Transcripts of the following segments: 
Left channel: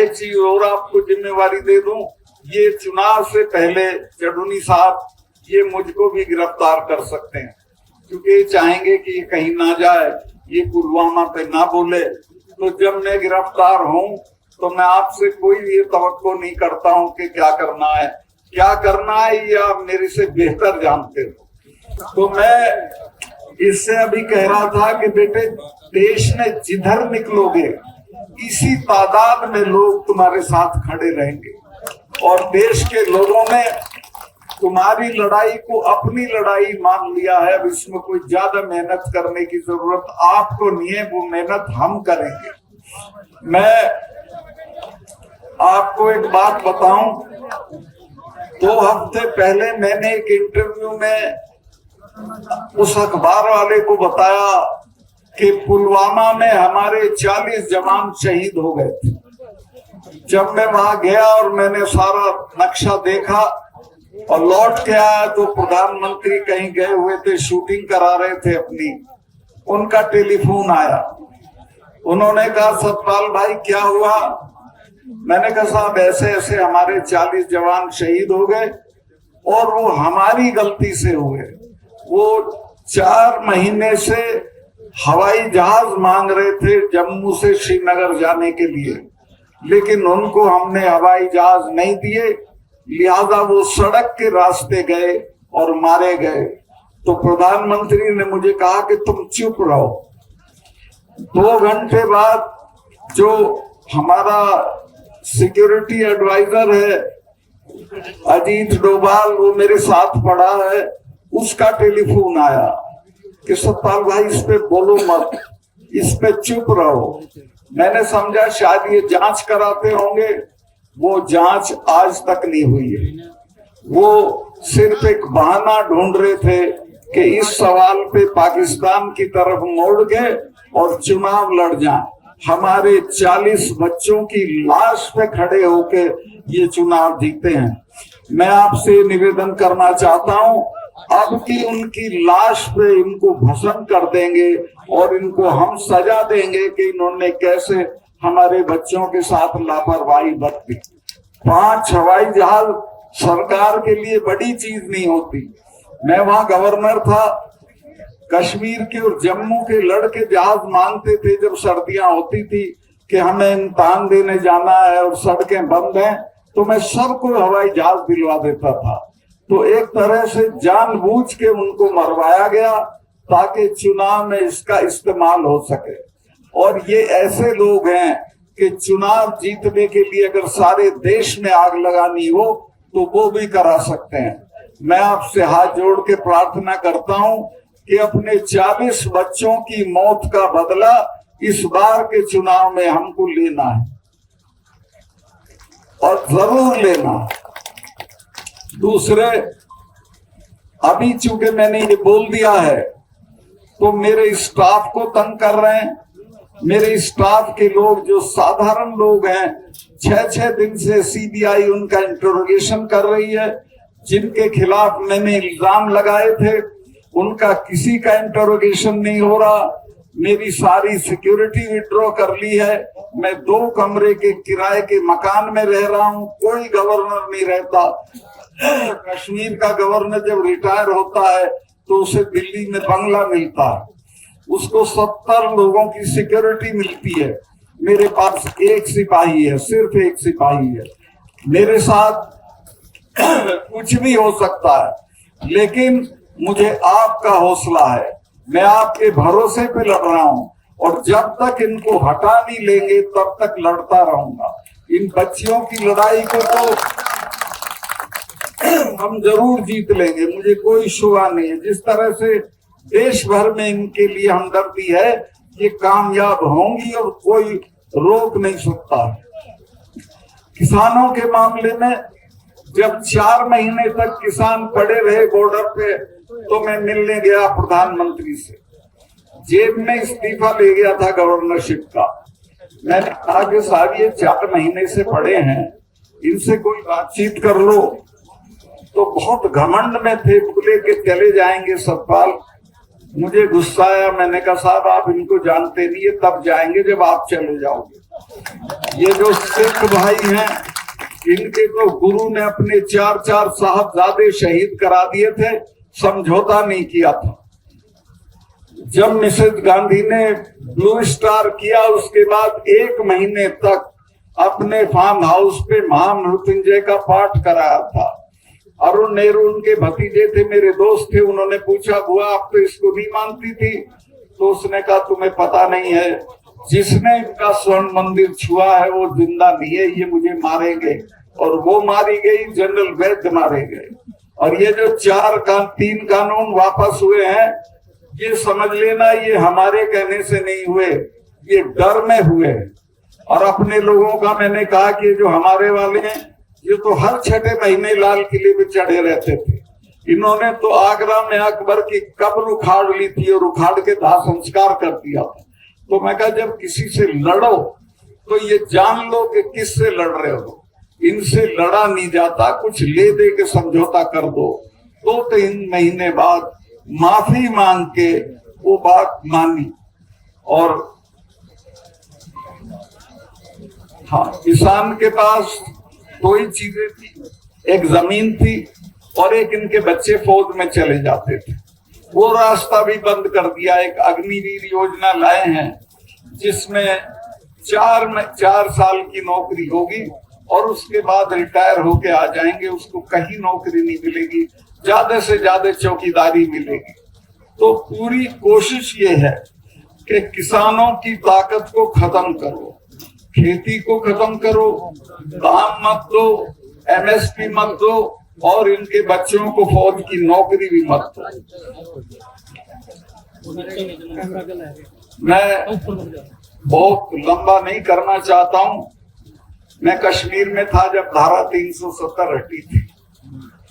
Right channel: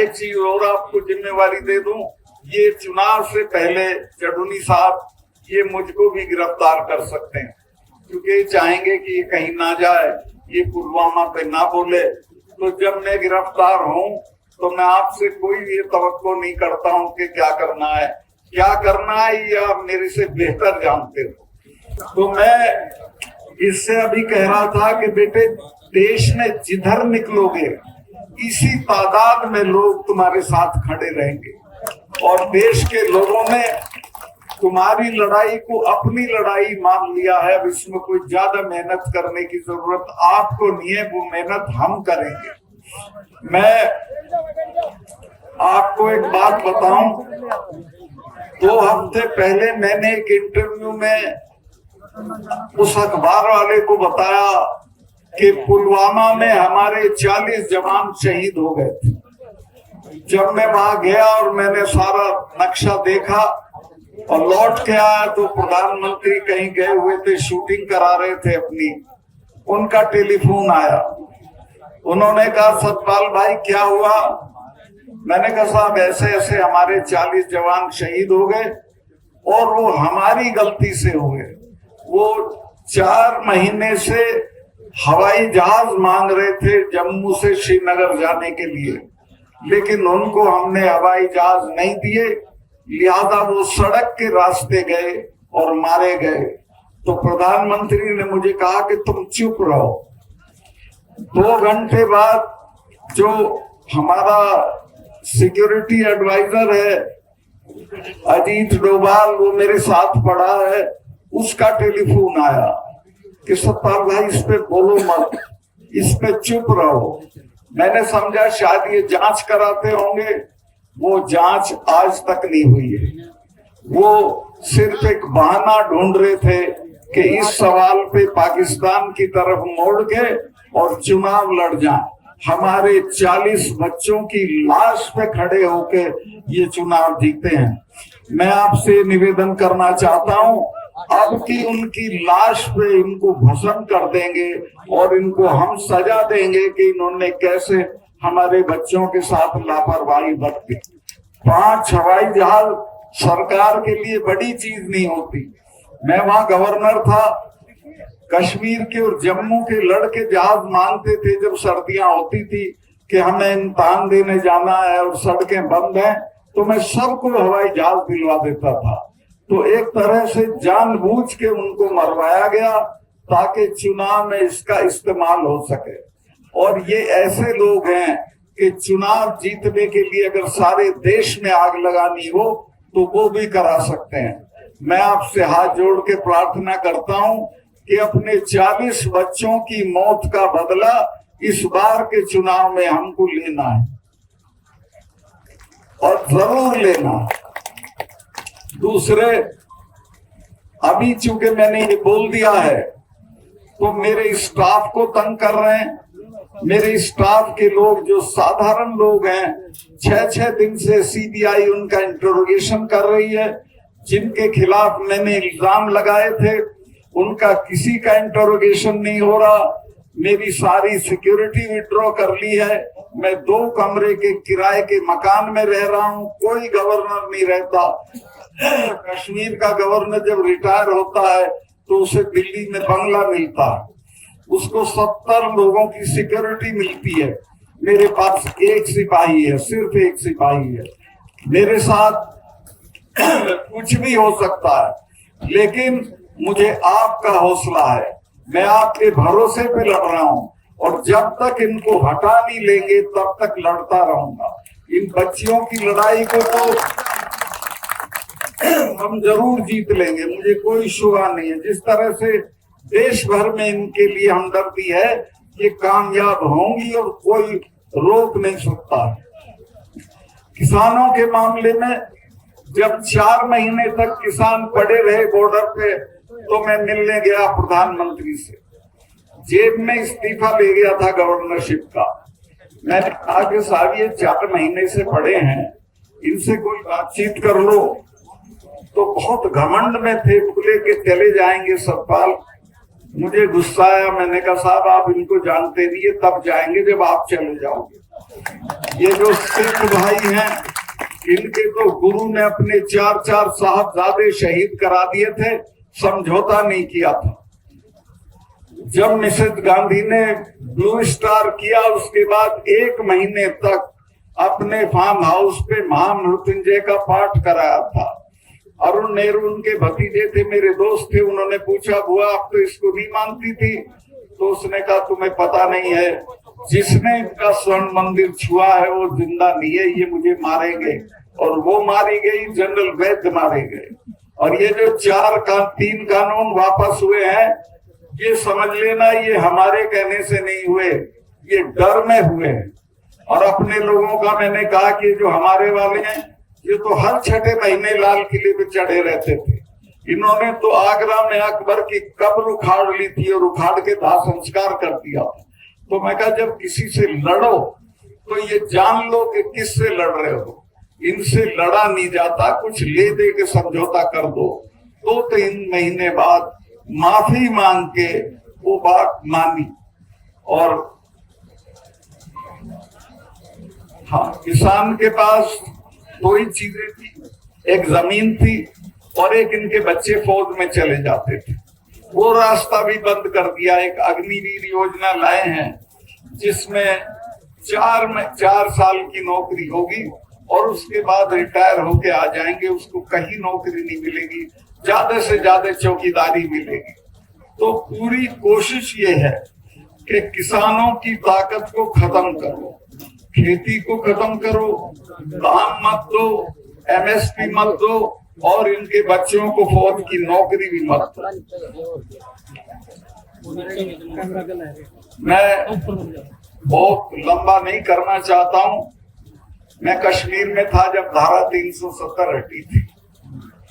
एक चीज और आपको जिम्मेवारी दे दूं, ये चुनाव से पहले चढ़ूनी साहब ये मुझको भी गिरफ्तार कर सकते हैं, क्योंकि चाहेंगे कि ये कहीं ना जाए, ये पुलवामा पे ना बोले। तो जब मैं गिरफ्तार हूं तो मैं आपसे कोई ये तवक्को नहीं करता हूं कि क्या करना है ये आप मेरे से बेहतर जानते हो। तो मैं इससे अभी कह रहा था कि बेटे, देश में जिधर निकलोगे इसी तादाद में लोग तुम्हारे साथ खड़े रहेंगे, और देश के लोगों ने तुम्हारी लड़ाई को अपनी लड़ाई मान लिया है। अब इसमें कोई ज्यादा मेहनत करने की जरूरत आपको नहीं है, वो मेहनत हम करेंगे। मैं आपको एक बात बताऊं, 2 हफ्ते पहले मैंने एक इंटरव्यू में उस अखबार वाले को बताया कि पुलवामा में हमारे 40 जवान शहीद हो गए थे। जब मैं वहां गया और मैंने सारा नक्शा देखा और लौट के आया तो प्रधानमंत्री कहीं गए हुए थे, शूटिंग करा रहे थे अपनी। उनका टेलीफोन आया, उन्होंने कहा सतपाल भाई क्या हुआ? मैंने कहा साहब ऐसे ऐसे हमारे 40 जवान शहीद हो गए और वो हमारी गलती से हुए। वो 4 महीने से हवाई जहाज मांग रहे थे जम्मू से श्रीनगर जाने के लिए, लेकिन उनको हमने हवाई जहाज नहीं दिए, लिहाजा वो सड़क के रास्ते गए और मारे गए। तो प्रधानमंत्री ने मुझे कहा कि तुम चुप रहो। 2 घंटे बाद जो हमारा सिक्योरिटी एडवाइजर है अजीत डोभाल, वो मेरे साथ पड़ा है, उसका टेलीफोन आया कि सतपाल भाई इस पे बोलो मत, इस पे चुप रहो। मैंने समझा शायद ये जांच कराते होंगे, वो जांच आज तक नहीं हुई है। वो सिर्फ एक बहाना ढूंढ रहे थे कि इस सवाल पे पाकिस्तान की तरफ मोड़ के और चुनाव लड़ जाएं। हमारे 40 बच्चों की लाश पे खड़े होके ये चुनाव जीते हैं। मैं आपसे निवेदन करना चाहता हूं, अब की उनकी लाश पे इनको भस्म कर देंगे और इनको हम सजा देंगे कि इन्होंने कैसे हमारे बच्चों के साथ लापरवाही बरती। 5 हवाई जहाज सरकार के लिए बड़ी चीज नहीं होती। मैं वहां गवर्नर था, कश्मीर के और जम्मू के लड़के जहाज मांगते थे जब सर्दियां होती थी कि हमें इम्तिहान देने जाना है और सड़कें बंद हैं, तो मैं सबको हवाई जहाज दिलवा देता था। तो एक तरह से जानबूझ के उनको मरवाया गया ताकि चुनाव में इसका इस्तेमाल हो सके। और ये ऐसे लोग हैं कि चुनाव जीतने के लिए अगर सारे देश में आग लगानी हो तो वो भी करा सकते हैं। मैं आपसे हाथ जोड़ के प्रार्थना करता हूं कि अपने 40 बच्चों की मौत का बदला इस बार के चुनाव में हमको लेना है और जरूर लेना है। दूसरे, अभी चूंकि मैंने ये बोल दिया है तो मेरे स्टाफ को तंग कर रहे हैं। मेरे स्टाफ के लोग जो साधारण लोग हैं, 6-6 दिन से सीबीआई उनका इंटरोगेशन कर रही है। जिनके खिलाफ मैंने इल्जाम लगाए थे उनका किसी का इंटरोगेशन नहीं हो रहा। मेरी सारी सिक्योरिटी विड्रॉ कर ली है। मैं 2 कमरे के किराए के मकान में रह रहा हूँ, कोई गवर्नर नहीं रहता। कश्मीर का गवर्नर जब रिटायर होता है तो उसे दिल्ली में बंगला मिलता है, उसको 70 लोगों की सिक्योरिटी मिलती है। मेरे पास 1 सिपाही है, सिर्फ 1 सिपाही है। मेरे साथ कुछ भी हो सकता है, लेकिन मुझे आपका हौसला है। मैं आपके भरोसे पे लड़ रहा हूं और जब तक इनको हटा नहीं लेंगे तब तक लड़ता रहूंगा। इन बच्चियों की लड़ाई को तो हम जरूर जीत लेंगे, मुझे कोई शुबा नहीं है। जिस तरह से देश भर में इनके लिए हमदर्दी है, ये कामयाब होंगी और कोई रोक नहीं सकता। किसानों के मामले में जब 4 महीने तक किसान खड़े रहे बॉर्डर पे तो मैं मिलने गया प्रधानमंत्री से। जेब में इस्तीफा ले गया था गवर्नरशिप का। मैंने कहा कि साहब ये 4 महीने से पड़े हैं, इनसे कोई बातचीत कर लो। तो बहुत घमंड में थे, बोले के चले जाएंगे सतपाल। मुझे गुस्सा आया, मैंने कहा साहब आप इनको जानते नहीं है, तब जाएंगे जब आप चले जाओगे। ये जो सिख भाई हैं, इनके तो गुरु ने अपने 4 साहबजादे शहीद करा दिए थे, समझौता नहीं किया था। जब मिसेज गांधी ने ब्लू स्टार किया, उसके बाद 1 महीने तक अपने फार्म हाउस पे महामृत्युंजय का पाठ कराया था। अरुण नेहरू उनके भतीजे थे, मेरे दोस्त थे। उन्होंने पूछा, बुआ आप तो इसको नहीं मानती थी? तो उसने कहा, तुम्हें पता नहीं है, जिसने इनका स्वर्ण मंदिर छुआ है वो जिंदा नहीं है, ये मुझे मारेंगे। और वो मारी गई, जनरल वैद्य मारे गए। और ये जो 3 कानून वापस हुए हैं, ये समझ लेना, ये हमारे कहने से नहीं हुए, ये डर में हुए। और अपने लोगों का मैंने कहा कि जो हमारे वाले हैं, ये तो हर 6ठे महीने लाल किले पे चढ़े रहते थे। इन्होंने तो आगरा में अकबर की कब्र उखाड़ ली थी और उखाड़ के दाह संस्कार कर दिया। तो मैं कहा, जब किसी से लड़ो तो ये जान लो कि किससे लड़ रहे हो। इनसे लड़ा नहीं जाता, कुछ ले दे के समझौता कर दो। 2-3 महीने बाद माफी मांग के वो बात मानी। और हाँ, किसान के पास 2 ही चीजें थी, एक जमीन थी और एक इनके बच्चे फौज में चले जाते थे। वो रास्ता भी बंद कर दिया। एक अग्निवीर योजना लाए हैं, जिसमें 4 साल की नौकरी होगी और उसके बाद रिटायर होके आ जाएंगे, उसको कहीं नौकरी नहीं मिलेगी, ज्यादा से ज्यादा चौकीदारी मिलेगी। तो पूरी कोशिश ये है कि किसानों की ताकत को खत्म करो, खेती को खत्म करो, दाम मत दो, MSP मत दो, और इनके बच्चों को फौज की नौकरी भी मत दो। मैं बहुत लंबा नहीं करना चाहता हूँ। मैं कश्मीर में था जब धारा 370 हटी थी।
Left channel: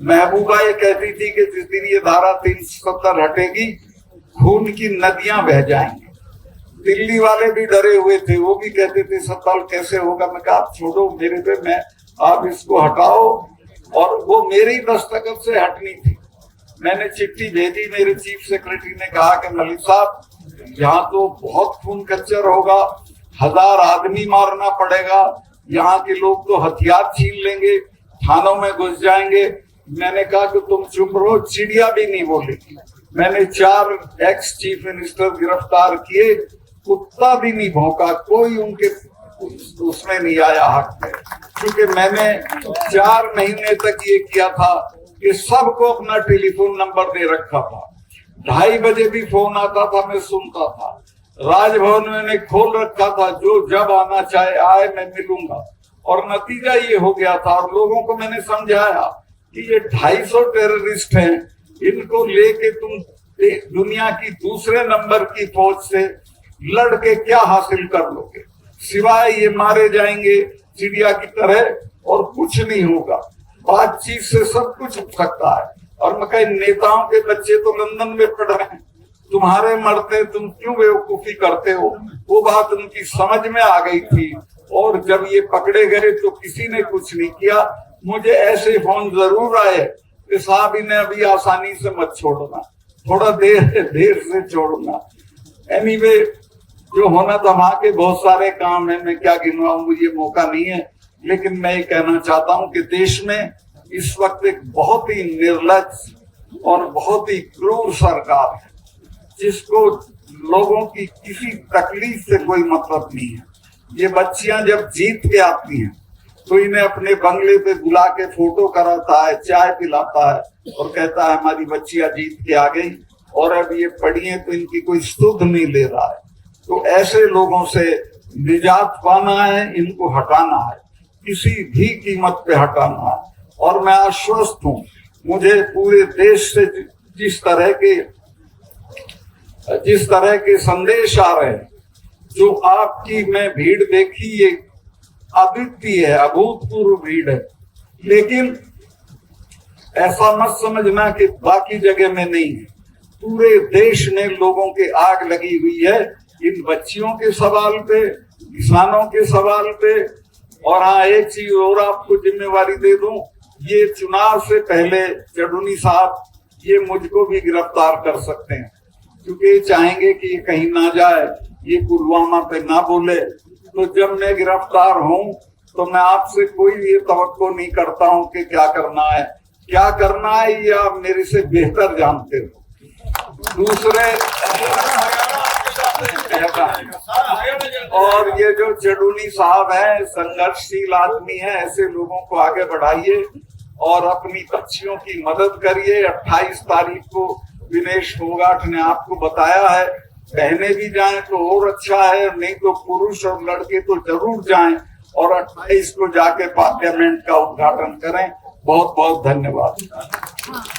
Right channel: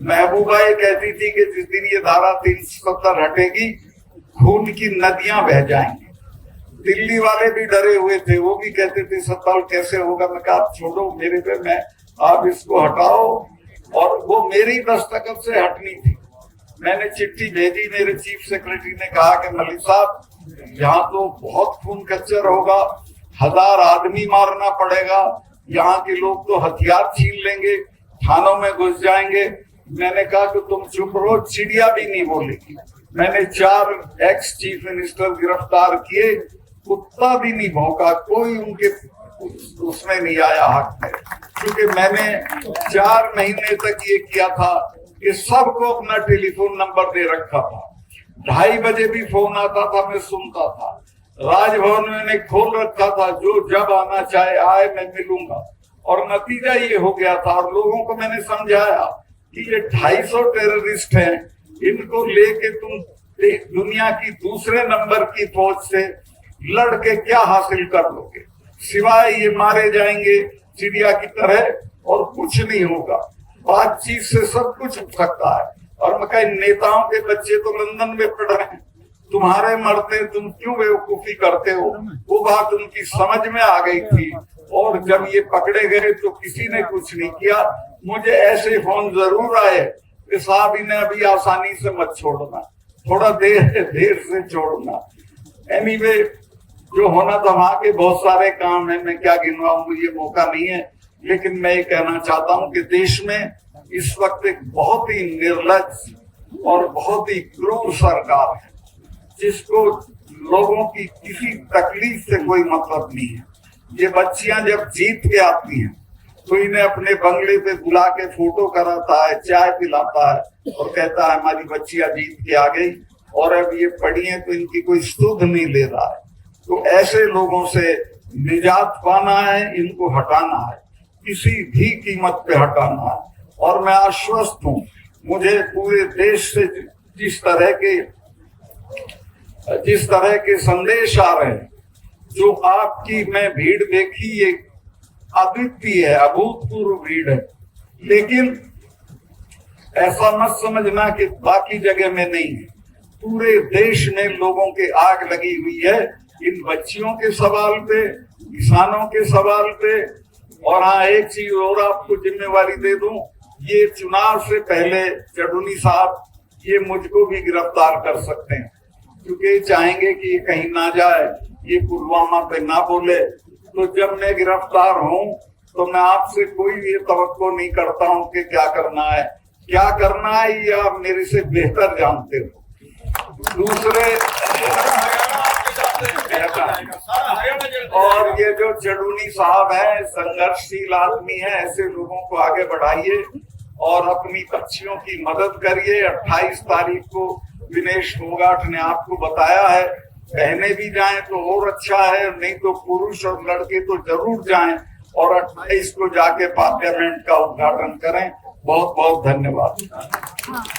महबूबा ये कहती थी कि जिस दिन ये धारा 370 हटेगी, खून की नदियां बह जाएंगी। दिल्ली वाले भी डरे हुए थे, वो भी कहते थे 70 कैसे होगा। मैं कहा, आप छोड़ो मेरे पे, मैं आप इसको हटाओ। और वो मेरी दस्तखत से हटनी थी। मैंने चिट्ठी भेजी, मेरे चीफ सेक्रेटरी ने कहा कि मलिक साहब, यहाँ तो बहुत खून कच्चर होगा, 1000 आदमी मारना पड़ेगा, यहाँ के लोग तो हथियार छीन लेंगे, थानों में घुस जाएंगे। मैंने कहा कि तुम चुप रहो, चिड़िया भी नहीं बोलेगी। मैंने 4 एक्स चीफ मिनिस्टर गिरफ्तार किए, कुत्ता भी नहीं भौंका, कोई उनके उसमें नहीं आया हाथ में, क्योंकि मैंने 4 महीने तक ये किया था कि सबको अपना टेलीफोन नंबर दे रखा था। 2:30 बजे भी फोन आता था, मैं सुनता था। राजभवन मैंने खोल रखा था, जो जब आना चाहे आए, मैं मिलूंगा। और नतीजा ये हो गया था। और लोगों को मैंने समझाया कि ये 250 टेररिस्ट हैं, इनको लेके तुम दुनिया की दूसरे नंबर की फौज से लड़के क्या हासिल कर लोगे, सिवाय ये मारे जाएंगे चिड़िया की तरह और कुछ नहीं होगा। बातचीत से सब कुछ हो सकता है। और मैं कहीं नेताओं के बच्चे तो लंदन में पढ़ रहे हैं, तुम्हारे मरते तुम क्यों बेवकूफी करते हो। वो बात उनकी समझ में आ गई थी। और जब ये पकड़े गए तो किसी ने कुछ नहीं किया। मुझे ऐसे फोन जरूर आए कि साहब इन्हें अभी आसानी से मत छोड़ना, थोड़ा देर से छोड़ना। एनीवे, जो होना था वहां के बहुत सारे काम है, मैं क्या गिनवाऊं, ये मौका नहीं है। लेकिन मैं ये कहना चाहता हूं कि देश में इस वक्त एक बहुत ही निर्लज और बहुत ही क्रूर सरकार है, जिसको लोगों की किसी तकलीफ से कोई मतलब नहीं है। ये बच्चियां जब जीत के आती हैं तो इन्हें अपने बंगले पे बुला के फोटो कराता है, चाय पिलाता है और कहता है हमारी बच्चियां जीत के आ गई। और अब ये पढ़ी है तो इनकी कोई सुध नहीं ले रहा है। तो ऐसे लोगों से निजात पाना है, इनको हटाना है, किसी भी कीमत पे हटाना है। और मैं आश्वस्त हूँ, मुझे पूरे देश से जिस तरह के संदेश आ रहे हैं, जो आपकी मैं भीड़ देखी, ये अद्वितीय है, अभूतपूर्व भीड़ है। लेकिन ऐसा मत समझना कि बाकी जगह में नहीं है। पूरे देश में लोगों के आग लगी हुई है इन बच्चियों के सवाल पे, किसानों के सवाल पे। और हाँ, एक चीज और आपको जिम्मेवारी दे दूं, ये चुनाव से पहले चढ़ूनी साहब ये मुझको भी गिरफ्तार कर सकते हैं, क्योंकि चाहेंगे कि ये कहीं ना जाए, ये पुलवामा पे ना बोले। तो जब मैं गिरफ्तार हूँ तो मैं आपसे कोई ये तवक्को नहीं करता हूँ कि क्या करना है ये आप मेरे से बेहतर जानते हो। दूसरे और ये जो जडूनी साहब है, संघर्षशील आदमी है, ऐसे लोगों को आगे बढ़ाइए और अपनी पक्षियों की मदद करिए। 28 तारीख को विनेश फोगाट ने आपको बताया है, बहनें भी जाएं तो और अच्छा है, नहीं तो पुरुष और लड़के तो जरूर जाएं और 28 को जाके पार्लियामेंट का उद्घाटन करें। बहुत बहुत धन्यवाद।